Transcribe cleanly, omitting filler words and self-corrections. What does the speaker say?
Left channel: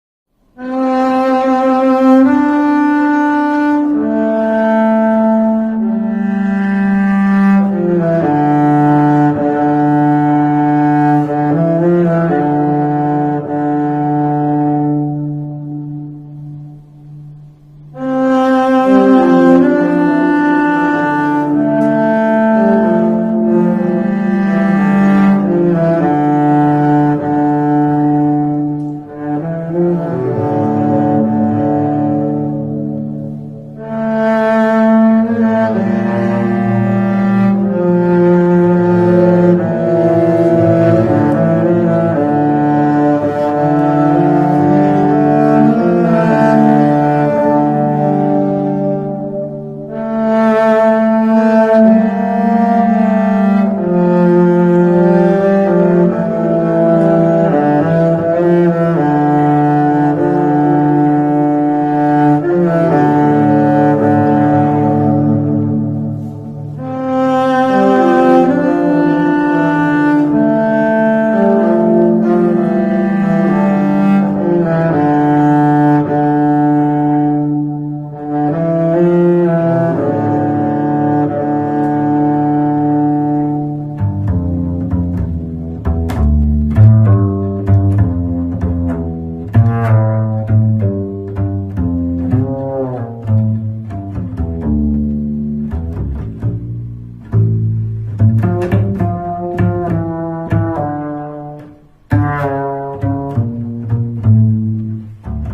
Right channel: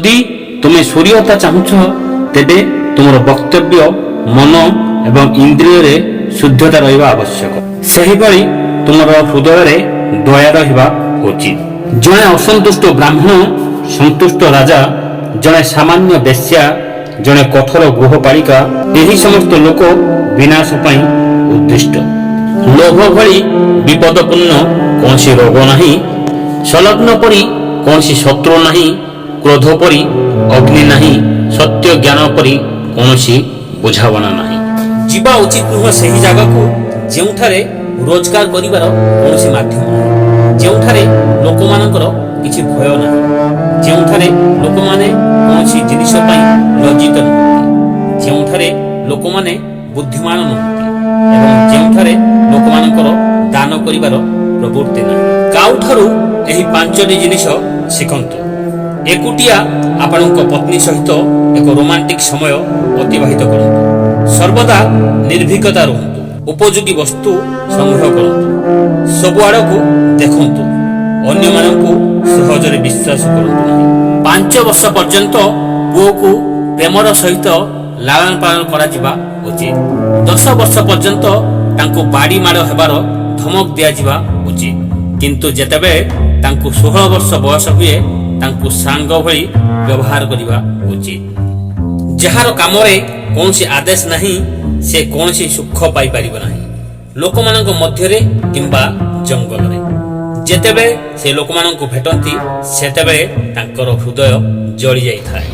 ଯଦି ତୁମେ ସୂର୍ଯ୍ୟତା ଚାହୁଁଛ ତେବେ ତୁମର ବକ୍ତବ୍ୟ ମନ ଏବଂ ଇନ୍ଦ୍ରିୟରେ ଶୁଦ୍ଧତା ରହିବା ଆବଶ୍ୟକ। ସେହିଭଳି ତୁମର ହୃଦୟରେ ଦୟା ରହିବା ଉଚିତ। ଜଣେ ଅସନ୍ତୁଷ୍ଟ ବ୍ରାହ୍ମଣ, ସନ୍ତୁଷ୍ଟ ରାଜା, ଜଣେ ସାମାନ୍ୟ ବେଶ୍ୟା, ଜଣେ କଠୋର ଗୃହପାଳିକା, ଏହି ସମସ୍ତ ଲୋକ ବିନାଶ ପାଇଁ ଉଦ୍ଦିଷ୍ଟ। ଲୋଭ ଭଳି ବିପଦପୂର୍ଣ୍ଣ କୌଣସି ରୋଗ ନାହିଁ, ସଂଲଗ୍ନ ପରି କୌଣସି ଶତ୍ରୁ ନାହିଁ, କ୍ରୋଧ ପରି ଅଗ୍ନି ନାହିଁ, ସତ୍ୟ ଜ୍ଞାନ ପରି କୌଣସି ବୁଝାବଣା ନାହିଁ। ଯିବା ଉଚିତ ନୁହେଁ ସେହି ଜାଗାକୁ ଯେଉଁଠାରେ ରୋଜଗାର କରିବାର କୌଣସି ମାଧ୍ୟମ ନାହିଁ, ଯେଉଁଠାରେ ଲୋକମାନଙ୍କର କିଛି ଭୟ ନାହିଁ, ଯେଉଁଠାରେ ଲୋକମାନେ କୌଣସି ଜିନିଷ ପାଇଁ ଲଜ୍ଜିତ ନୁହନ୍ତି, ଯେଉଁଠାରେ ଲୋକମାନେ ବୁଦ୍ଧିମାନ ନୁହନ୍ତି ଏବଂ ଯେଉଁଠାରେ ଲୋକମାନଙ୍କର ଦାନ କରିବାର ପ୍ରବୃତ୍ତି ନାହିଁ। କାଉଠାରୁ ଏହି ପାଞ୍ଚଟି ଜିନିଷ ଶିଖନ୍ତୁ। ଏକୁଟିଆ ଆପଣଙ୍କ ପତ୍ନୀ ସହିତ ଏକ ରୋମାଣ୍ଟିକ ସମୟ ଅତିବାହିତ କରନ୍ତୁ। ସର୍ବଦା ନିର୍ଭୀକତା ରୁହନ୍ତୁ। ଉପଯୋଗୀ ବସ୍ତୁ ସଂଗ୍ରହ କରନ୍ତୁ। ସବୁଆଡ଼କୁ ଦେଖନ୍ତୁ। ଅନ୍ୟମାନଙ୍କୁ ସହଜରେ ବିଶ୍ୱାସ କରନ୍ତୁ ନାହିଁ। 5 ବର୍ଷ ପର୍ଯ୍ୟନ୍ତ ପୁଅକୁ ପ୍ରେମର ସହିତ ଲାଳନ ପାଳନ କରାଯିବା ଉଚିତ। 10 ବର୍ଷ ପର୍ଯ୍ୟନ୍ତ ତାଙ୍କୁ ବାଡ଼ି ମାଡ଼ ହେବାର ଧମକ ଦିଆଯିବା ଉଚିତ। କିନ୍ତୁ ଯେତେବେଳେ ତାଙ୍କୁ 16 ବର୍ଷ ବୟସ ହୁଏ ତାଙ୍କୁ ସାଙ୍ଗ ଭଳି ବ୍ୟବହାର କରିବା ଉଚିତ। ଯାହାର କାମରେ କୌଣସି ଆଦେଶ ନାହିଁ ସେ କୌଣସି ସୁଖ ପାଇପାରିବ ନାହିଁ, ଲୋକମାନଙ୍କ ମଧ୍ୟରେ କିମ୍ବା ଜଙ୍ଗଲରେ। ଯେତେବେଳେ ସେ ଲୋକମାନଙ୍କୁ ଭେଟନ୍ତି ସେତେବେଳେ ତାଙ୍କର ହୃଦୟ ଜଳି ଯାଇଥାଏ।